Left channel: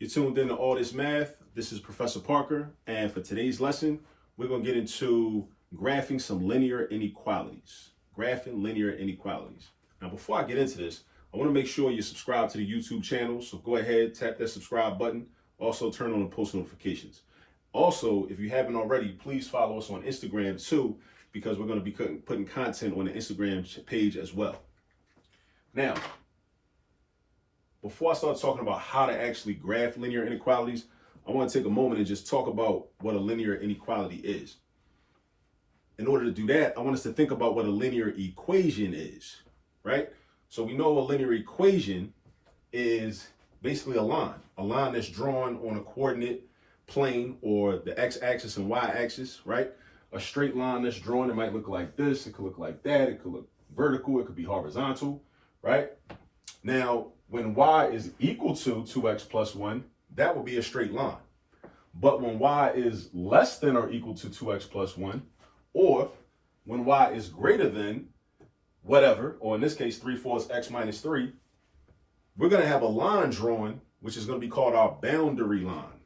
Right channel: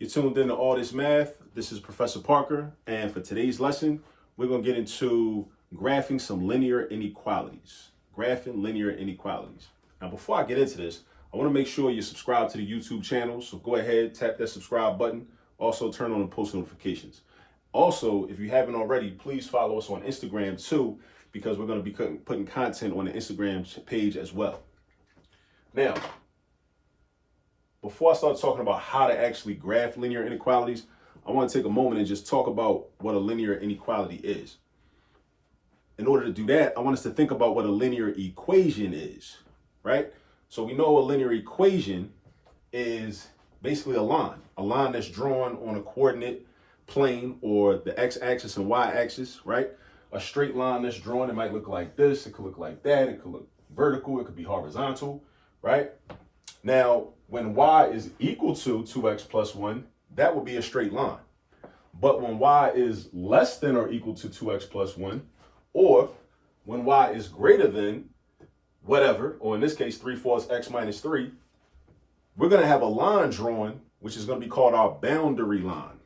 You're tuned in to All This Math. This is Professor Parker, and for today's lesson, we're going to get into graphing some linear inequalities. Graphing linear inequalities. Now, before I get into this, I want to make sure you subscribe to the YouTube channel, so go ahead, tap that subscribe button. Also, turn on the post notifications. Also, if you haven't already, please follow us on Instagram too, because we're going to be putting content on the Instagram page as well. Now, before I start talking about how to actually graph linear inequalities, I want to take a moment and just talk about what a linear inequality is. In order to do that, I want us to think about what a linear equation is, right? So we know a linear equation is basically a line that's drawn on a coordinate plane, or the x-axis and y-axis, right? A straight line that's drawn, it might look like this, it could look like that, it could look vertical, it could be horizontal, right? Now, when y is equal to 2x plus 1, that would be a straight line. But when y is less than or equal to 2x plus 1, or when y is greater than whatever, or in this case, 3/4 x minus 3, we're going to have a line drawn, which is going to be called our boundary line.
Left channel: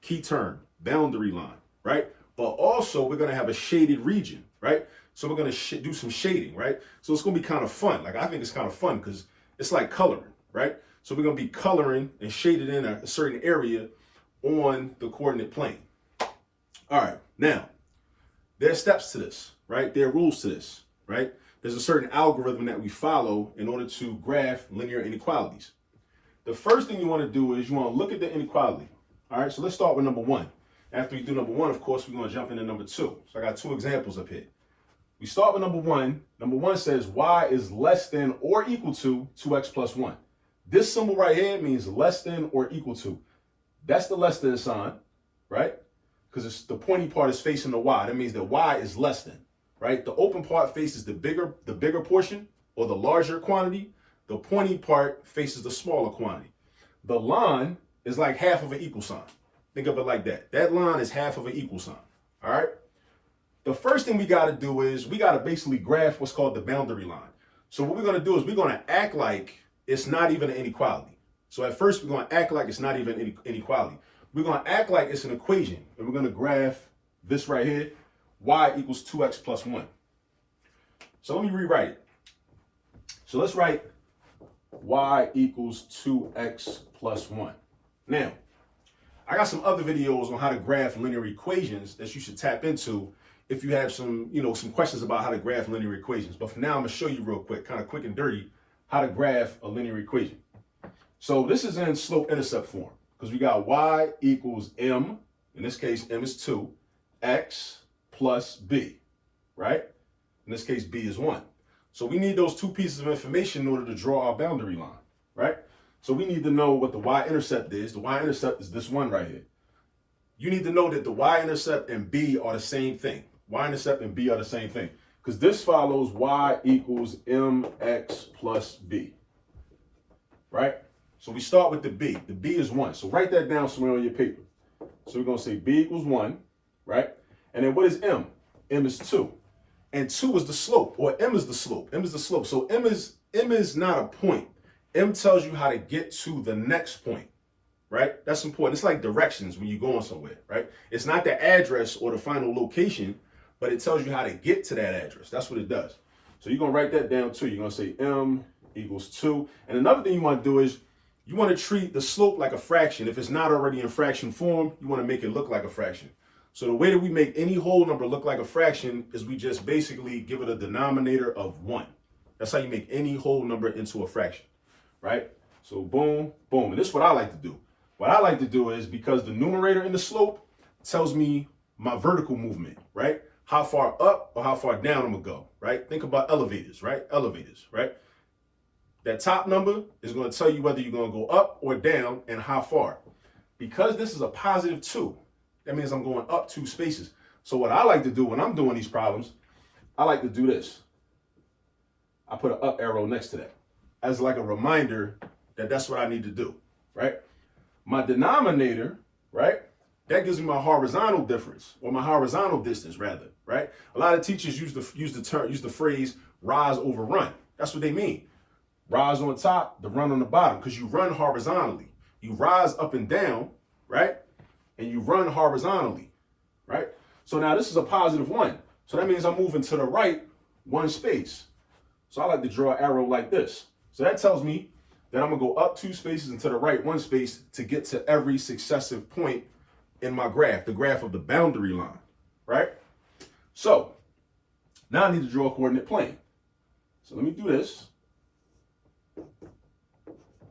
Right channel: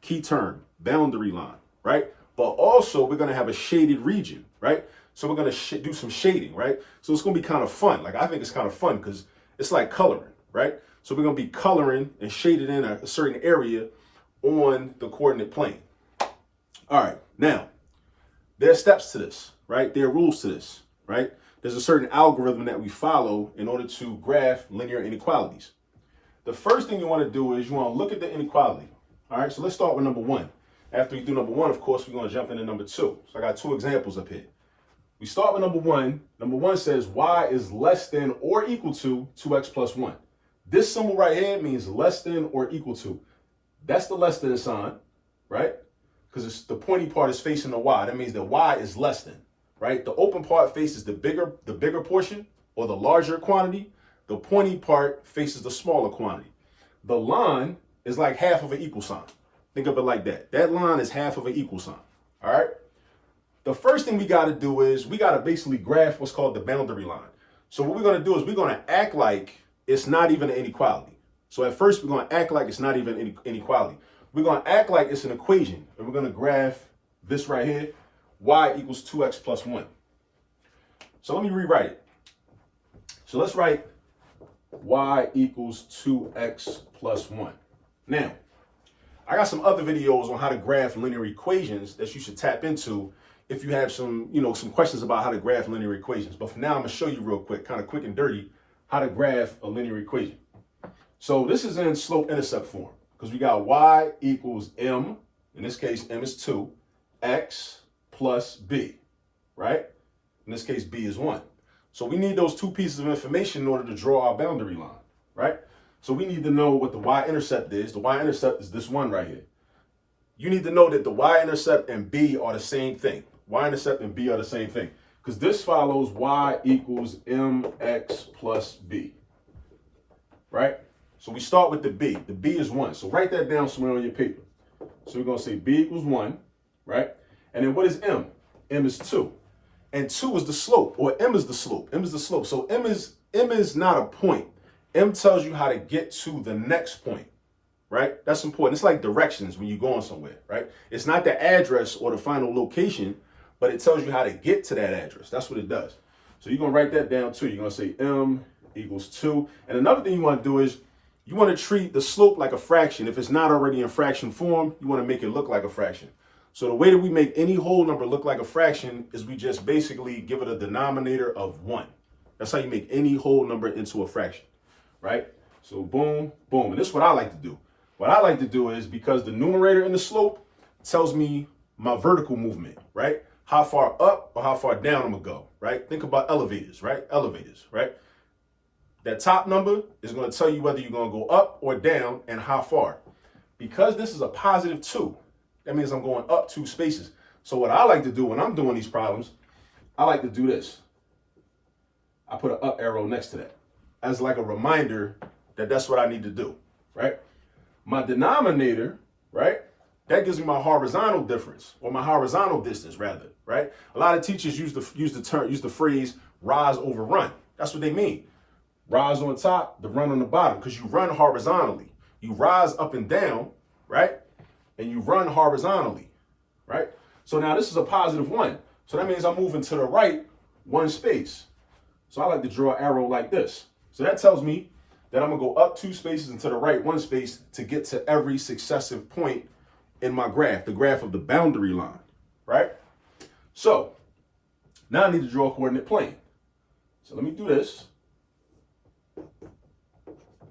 Key term, boundary line, right? But also, we're going to have a shaded region, right? So we're going to do some shading, right? So it's going to be kind of fun. Like, I think it's kind of fun because it's like coloring, right? So we're going to be coloring and shaded in a certain area on the coordinate plane. All right, now, there are steps to this, right? There are rules to this, right? There's a certain algorithm that we follow in order to graph linear inequalities. The first thing you want to do is you want to look at the inequality. All right, so let's start with number one. After you do number one, of course, we're going to jump into number two. So I got two examples up here. We start with number one. Number one says y is less than or equal to 2x plus 1. This symbol right here means less than or equal to. That's the less than sign, right? Because the pointy part is facing the y. That means that y is less than, right? The open part faces the bigger portion or the larger quantity. The pointy part faces the smaller quantity. The line is like half of an equal sign. Think of it like that. That line is half of an equal sign, all right? The first thing we got to do is we got to basically graph what's called the boundary line. So what we're going to do is we're going to act like it's not even an inequality. So at first we're going to act like it's not even an inequality. We're going to act like it's an equation, and we're going to graph this right here, y equals 2x plus 1. So let me rewrite it. So let's write y equals 2x plus 1. Now, I got some other videos on how to graph linear equations that you should tap into if you have some questions about how to graph linear equations. But for now, I'm going to show you real quick, kind of quick and dirty, how to graph a linear equation. So this is in slope-intercept form because we got y equals m, in this case, m is 2, x plus b, right? In this case, b is 1. So we need those two pieces of information in order to draw our boundary line, right? So we need to know what the y-intercept is. The y-intercept is this one right here. You need to know that the y-intercept and b are the same thing. Y-intercept and b are the same thing because this follows y equals mx plus b, right? So we start with the b. The b is 1. So write that down somewhere on your paper. So we're going to say b equals 1, right? And then what is m? M is 2. And 2 is the slope, or m is the slope. M is the slope. So m is not a point. M tells you how to get to the next point, right? That's important. It's like directions when you're going somewhere, right? It's not the address or the final location, but it tells you how to get to that address. That's what it does. So you're going to write that down too. You're going to say m equals 2. And another thing you want to do is you want to treat the slope like a fraction. If it's not already in fraction form, you want to make it look like a fraction. So the way that we make any whole number look like a fraction is we just basically give it a denominator of 1. That's how you make any whole number into a fraction, right? So boom, boom. And this is what I like to do. What I like to do is, because the numerator in the slope tells me my vertical movement, right? How far up or how far down I'm going to go, right? Think about elevators, right? Elevators, right? That top number is going to tell you whether you're going to go up or down and how far. Because this is a positive 2, that means I'm going up 2 spaces. So what I like to do when I'm doing these problems, I like to do this. I put an up arrow next to that as like a reminder that that's what I need to do, right? My denominator, right? That gives me my horizontal difference, or my horizontal distance rather, right? A lot of teachers use the phrase rise over run. That's what they mean. Rise on top, the run on the bottom, because you run horizontally. You rise up and down, right? And you run horizontally, right? So now this is a positive 1. So that means I'm moving to the right 1 space. So I like to draw an arrow like this. So that tells me that I'm going to go up 2 spaces and to the right 1 space to get to every successive point in my graph, the graph of the boundary line, right? So now I need to draw a coordinate plane. So let me do this.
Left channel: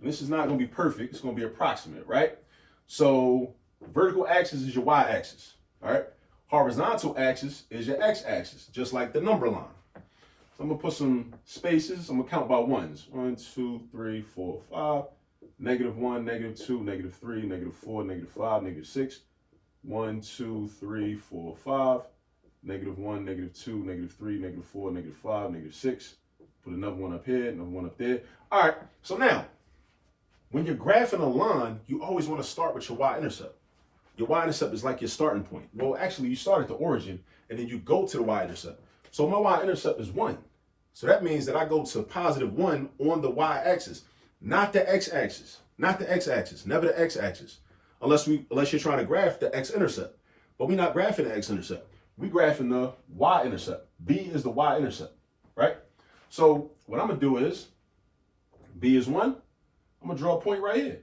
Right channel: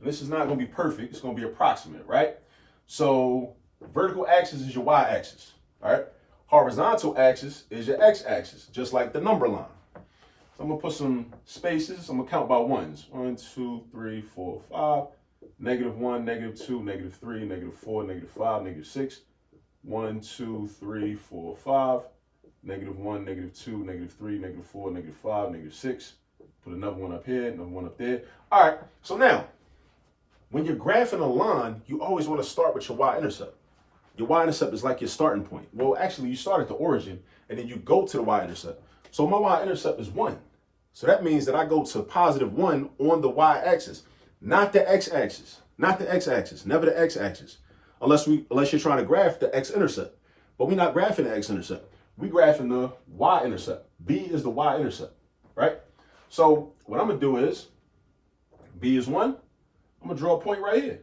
This is not going to be perfect. It's going to be approximate, right? So vertical axis is your y-axis, all right? Horizontal axis is your x-axis, just like the number line. So I'm going to put some spaces. I'm going to count by ones. 1, 2, 3, 4, 5. -1, -2, -3, -4, -5, -6. 1, 2, 3, 4, 5. -1, -2, -3, -4, -5, -6. Put another one up here, another one up there. All right, so now, when you're graphing a line, you always want to start with your y-intercept. Your y-intercept is like your starting point. Well, actually, you start at the origin, and then you go to the y-intercept. So my y-intercept is 1. So that means that I go to +1 on the y-axis, not the x-axis, not the x-axis, never the x-axis, unless you're trying to graph the x-intercept. But we're not graphing the x-intercept. We're graphing the y-intercept. B is the y-intercept, right? So what I'm going to do is, B is 1. I'm going to draw a point right here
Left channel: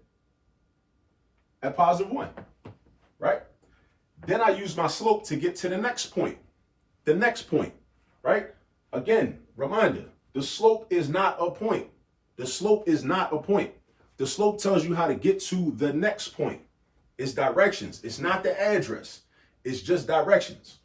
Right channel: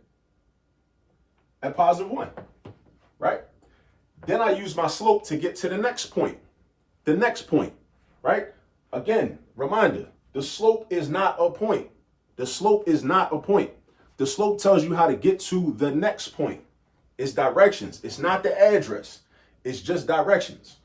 at +1, right? Then I use my slope to get to the next point, right? Again, reminder, the slope is not a point. The slope is not a point. The slope tells you how to get to the next point. It's directions. It's not the address. It's just directions.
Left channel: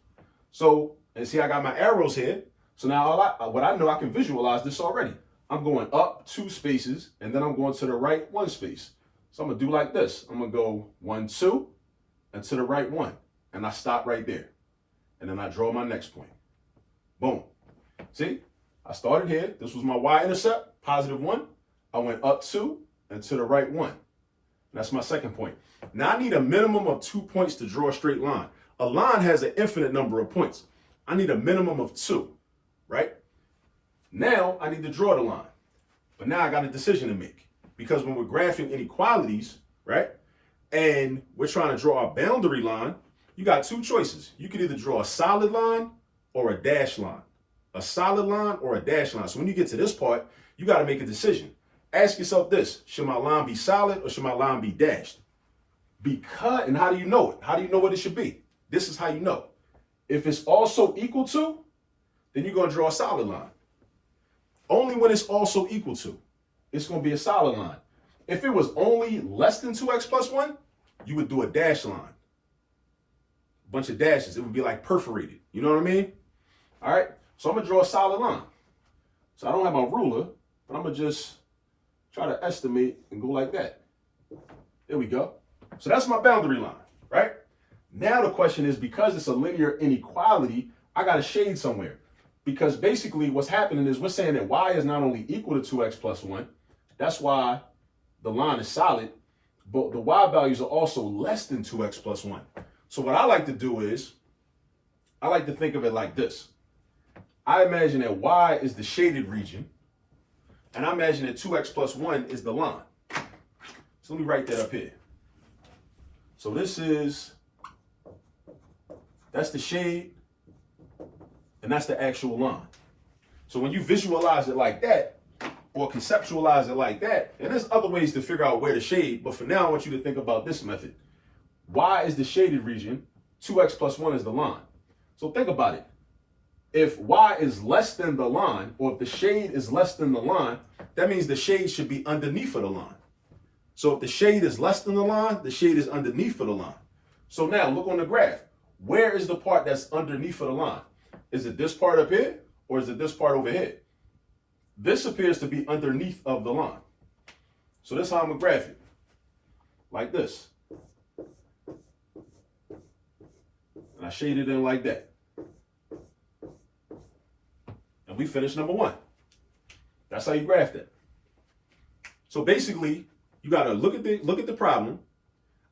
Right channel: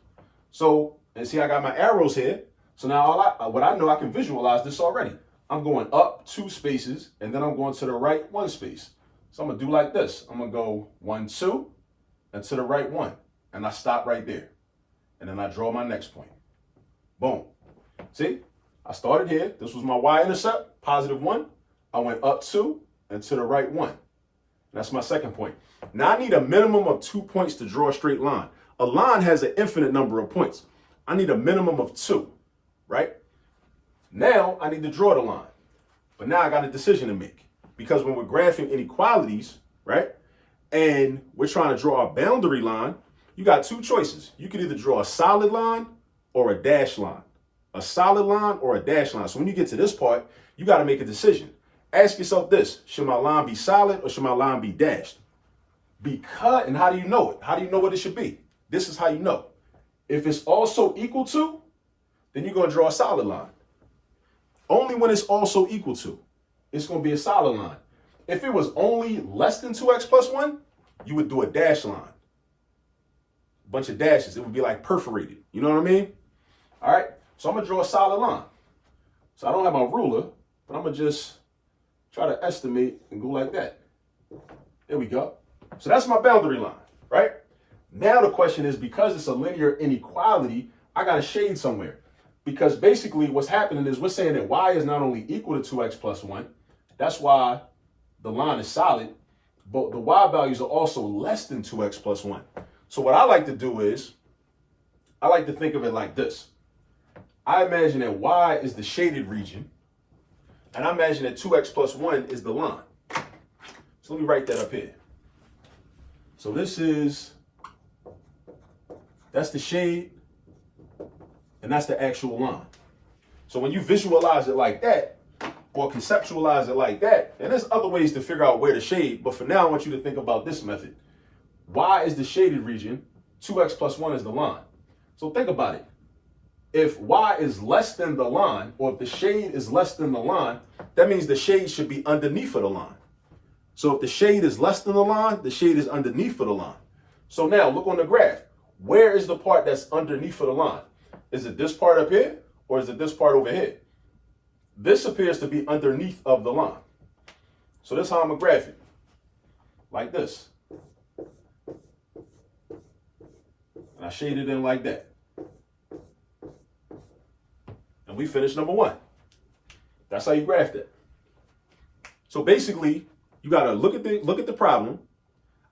So, and see, I got my arrows here. So now what I know, I can visualize this already. I'm going up 2 spaces, and then I'm going to the right 1 space. So I'm going to do like this. I'm going to go 1, 2, and to the right 1. And I stop right there. And then I draw my next point. Boom. See, I started here. This was my y-intercept, +1. I went up 2 and to the right 1. That's my second point. Now I need a minimum of 2 points to draw a straight line. A line has an infinite number of points. I need a minimum of 2, right? Now I need to draw the line. But now I got a decision to make. Because when we're graphing inequalities, right, and we're trying to draw a boundary line, you got 2 choices. You can either draw a solid line or a dashed line. A solid line or a dashed line. So when you get to this part, you got to make a decision. Ask yourself this: should my line be solid or should my line be dashed? Because, and how do you know it? How do you know what it should be? This is how you know. If it's also equal to, then you're going to draw a solid line. Only when it's also equal to, it's going to be a solid line. If it was only less than 2x plus 1, you would do a dash line. A bunch of dashes. It would be like perforated. You know what I mean? All right. So I'm going to draw a solid line. So I don't have my ruler, but I'm going to just try to estimate and go like that. There we go. So that's my boundary line, right? Now the question is, because it's a linear inequality, I got to shade somewhere. Because basically what's happening is we're saying that y is not only equal to 2x plus 1. That's why the line is solid. But the y values are also less than 2x plus 1. So what I like to do is, I like to think of it like this. I imagine that y is the shaded region. And I imagine that 2x plus 1 is the line. So let me write that up here. So that's the shade, and that's the actual line. So when you visualize it like that, or conceptualize it like that, and there's other ways to figure out where to shade, but for now I want you to think about this method. Y is the shaded region, 2x plus 1 is the line. So think about it. If y is less than the line, or if the shade is less than the line, that means the shade should be underneath of the line. So if the shade is less than the line, the shade is underneath of the line. So now look on the graph. Where is the part that's underneath of the line? Is it this part up here, or is it this part over here? This appears to be underneath of the line. So that's how I'm going to graph it. Like this. And I shade it in like that. And we finished number 1. That's how you graph it. So basically, you got to look at the problem,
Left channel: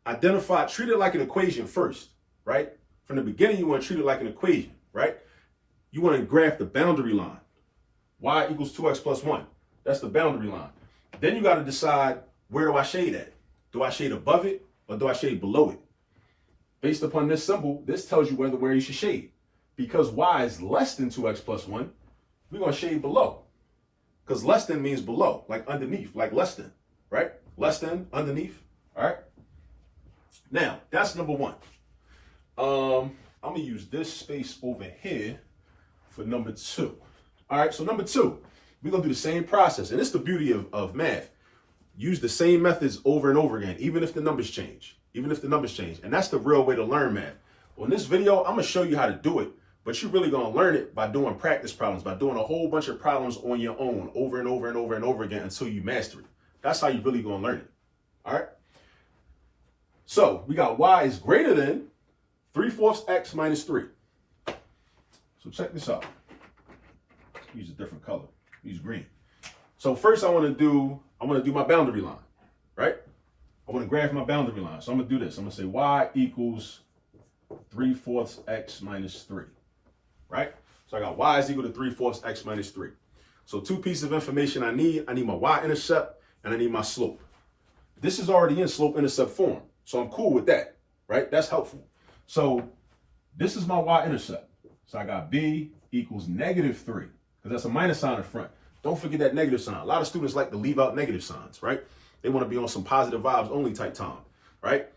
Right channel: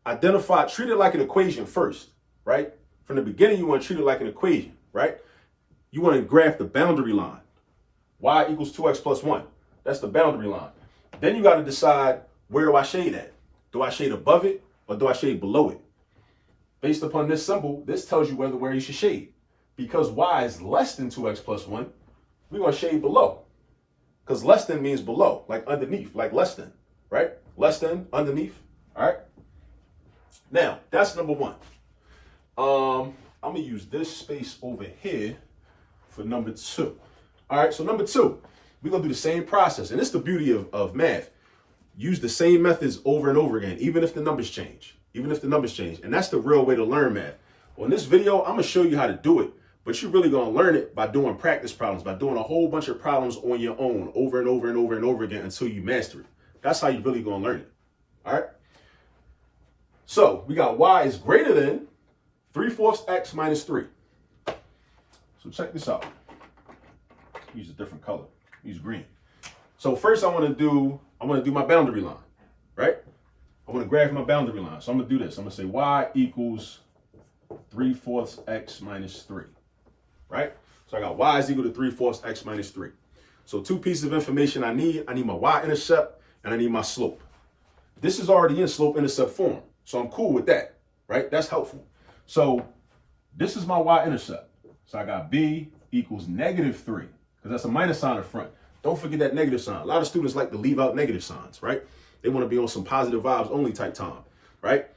treat it like an equation first, right? From the beginning, you want to treat it like an equation, right? You want to graph the boundary line. Y equals 2x plus 1. That's the boundary line. Then you got to decide, where do I shade at? Do I shade above it or do I shade below it? Based upon this symbol, this tells you where you should shade. Because y is less than 2x plus 1, we're going to shade below. Because less than means below, like underneath, like less than, right? Less than, underneath, all right? Now, that's number one. I'm going to use this space over here for number two. All right, so number two, we're going to do the same process. And it's the beauty of math. Use the same methods over and over again, even if the numbers change. Even if the numbers change. And that's the real way to learn math. On this video, I'm going to show you how to do it. But you're really going to learn it by doing practice problems, by doing a whole bunch of problems on your own over and over and over and over again until you master it. That's how you're really going to learn it. All right. So we got y is greater than 3/4 x minus 3. So check this out. Use a different color. Use green. So first I want to do my boundary line, right? I want to graph my boundary line. So I'm going to do this. I'm going to say y equals 3/4 x minus 3. Right? So I got y is equal to 3/4 x minus 3. So two pieces of information I need. I need my y-intercept and I need my slope. This is already in slope-intercept form. So I'm cool with that, right? That's helpful. So this is my y-intercept. So I got b equals -3, because that's a minus sign in front. Don't forget that negative sign. A lot of students like to leave out negative signs, right? They want to be on some positive vibes only type time, right?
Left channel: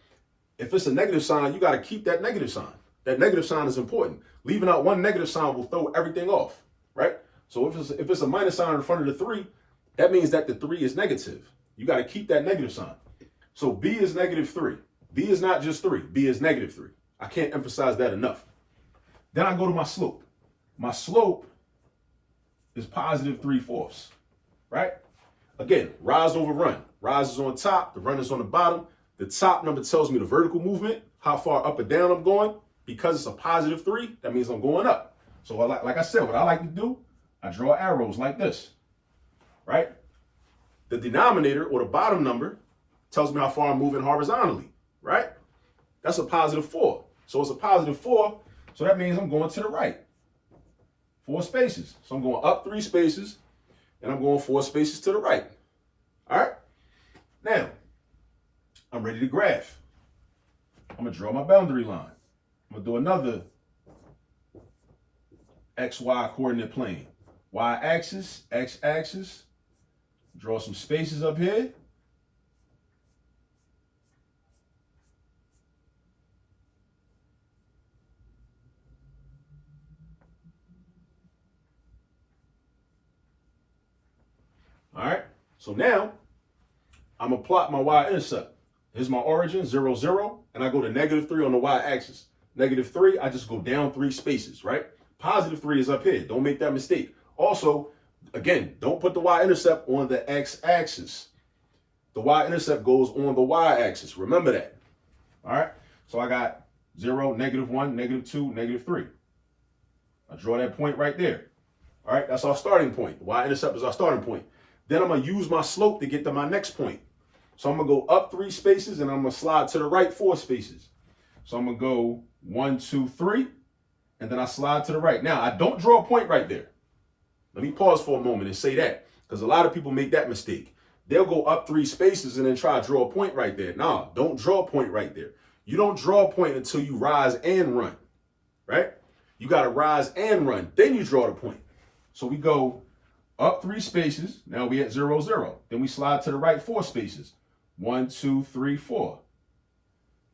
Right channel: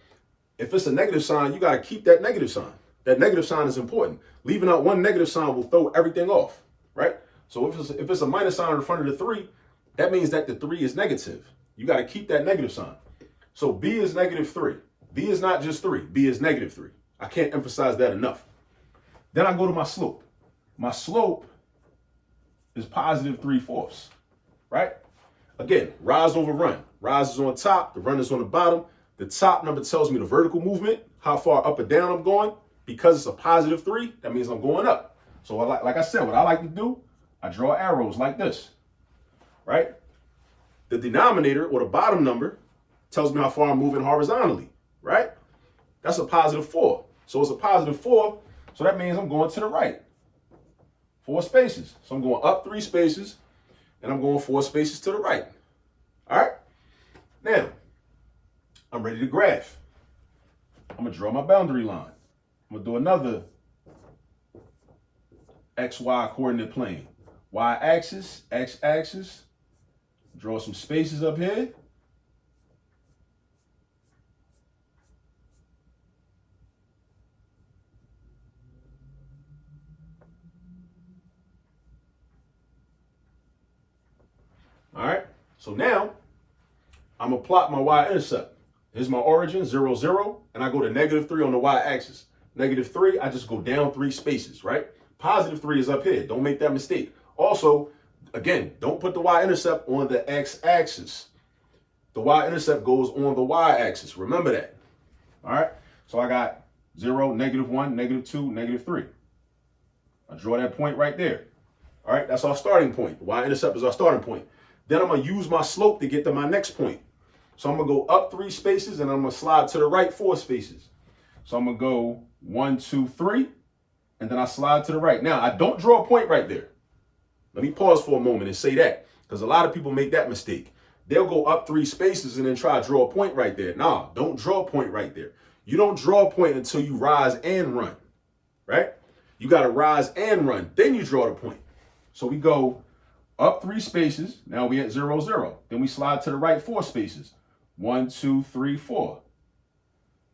If it's a negative sign, you got to keep that negative sign. That negative sign is important. Leaving out one negative sign will throw everything off, right? So if it's a minus sign in front of the 3, that means that the 3 is negative. You got to keep that negative sign. So b is -3. b is not just 3. b is -3. I can't emphasize that enough. Then I go to my slope. My slope is +3/4, right? Again, rise over run. Rise is on top, the run is on the bottom. The top number tells me the vertical movement, how far up or down I'm going. Because it's a +3, that means I'm going up. So like I said, what I like to do, I draw arrows like this, right? The denominator, or the bottom number, tells me how far I'm moving horizontally, right? That's a +4. So it's a +4, so that means I'm going to the right. 4 spaces. So I'm going up 3 spaces, and I'm going 4 spaces to the right. All right? Now, I'm ready to graph. I'm going to draw my boundary line. I'm going to do another XY coordinate plane. Y-axis, X-axis. Draw some spaces up here. All right, so now I'm going to plot my y-intercept. Here's my origin, 0, 0, and I go to -3 on the y-axis. -3, I just go down 3 spaces, right? +3 is up here. Don't make that mistake. Also, again, don't put the y-intercept on the x-axis. The y-intercept goes on the y-axis. Remember that. All right, so I got 0, -1, -2, -3. I draw that point right there. All right, that's our starting point. The y-intercept is our starting point. Then I'm going to use my slope to get to my next point. So I'm going to go up 3 spaces, and I'm going to slide to the right 4 spaces. So I'm going to go 1, 2, 3, and then I slide to the right. Now, I don't draw a point right there. Let me pause for a moment and say that, because a lot of people make that mistake. They'll go up 3 spaces and then try to draw a point right there. Nah, don't draw a point right there. You don't draw a point until you rise and run, right? You got to rise and run. Then you draw the point. So we go up 3 spaces. Now we at 0, 0. Then we slide to the right 4 spaces. 1, 2, 3, 4.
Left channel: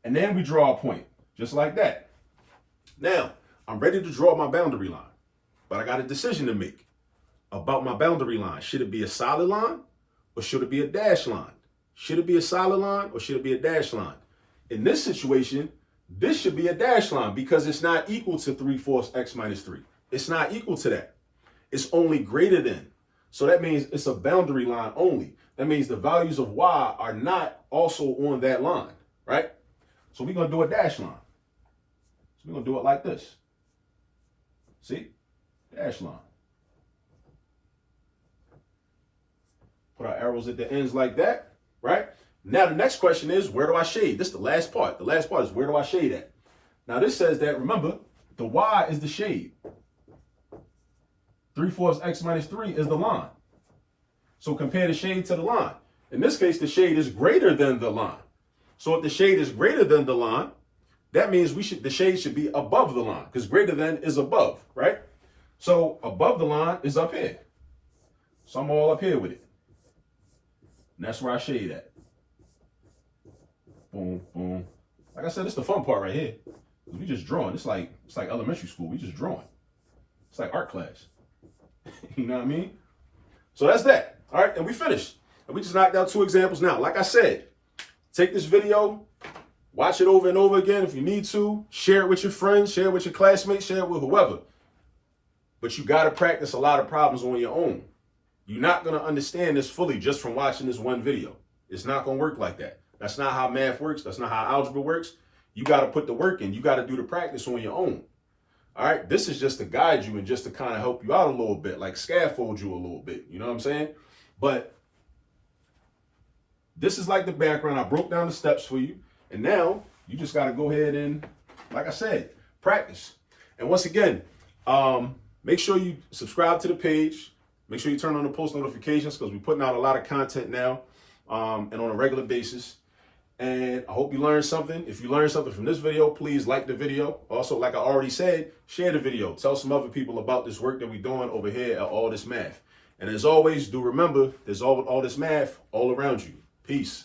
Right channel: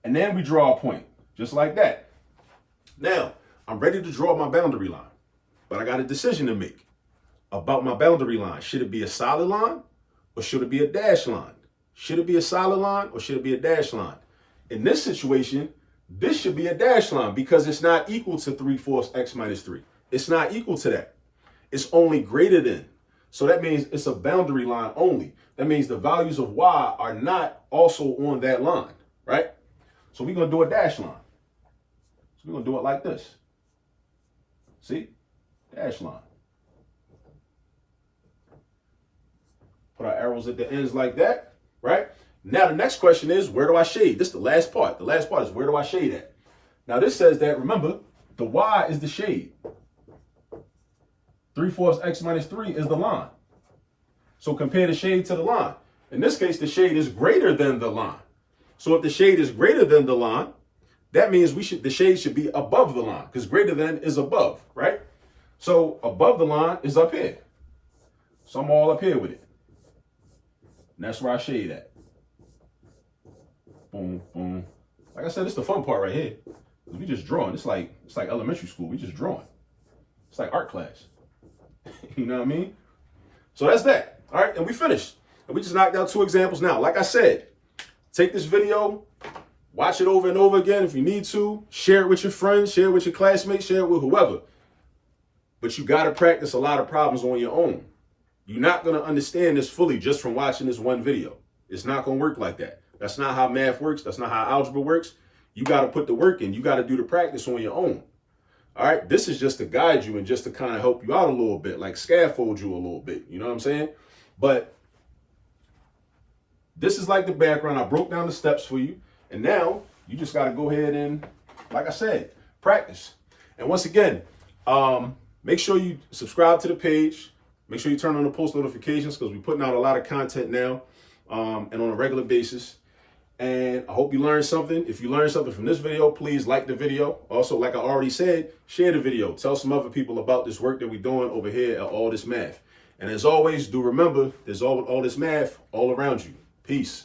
And then we draw a point, just like that. Now, I'm ready to draw my boundary line, but I got a decision to make about my boundary line. Should it be a solid line or should it be a dash line? Should it be a solid line or should it be a dash line? In this situation, this should be a dash line because it's not equal to 3/4 x minus 3. It's not equal to that. It's only greater than. So that means it's a boundary line only. That means the values of y are not also on that line, right? So we're going to do a dash line. So we're going to do it like this. See? Dash line. Put our arrows at the ends like that, right? Now the next question is, where do I shade? This is the last part. The last part is, where do I shade at? Now this says that, remember, the y is the shade. 3/4 x minus 3 is the line. So compare the shade to the line. In this case, the shade is greater than the line. So if the shade is greater than the line, that means the shade should be above the line, because greater than is above, right? So above the line is up here. So I'm all up here with it. And that's where I shade at. Boom, boom. Like I said, it's the fun part right here. We just drawing. It's like elementary school. We just drawing. It's like art class. You know what I mean? So that's that. All right, and we finished. And we just knocked out 2 examples. Now, like I said, take this video, watch it over and over again if you need to. Share it with your friends, share it with your classmates, share it with whoever. But you got to practice a lot of problems on your own. You're not going to understand this fully just from watching this one video. It's not going to work like that. That's not how math works. That's not how algebra works. You got to put the work in. You got to do the practice on your own. All right. This is just to guide you and just to kind of help you out a little bit, like scaffold you a little bit. You know what I'm saying? But this is like the background. I broke down the steps for you. And now you just got to go ahead and, like I said, practice. And once again, make sure you subscribe to the page. Make sure you turn on the post notifications, because we're putting out a lot of content now and on a regular basis. And I hope you learned something. If you learned something from this video, please like the video. Also, like I already said, share the video. Tell some other people about this work that we're doing over here at All This Math. And as always, do remember, there's all this math all around you. Peace.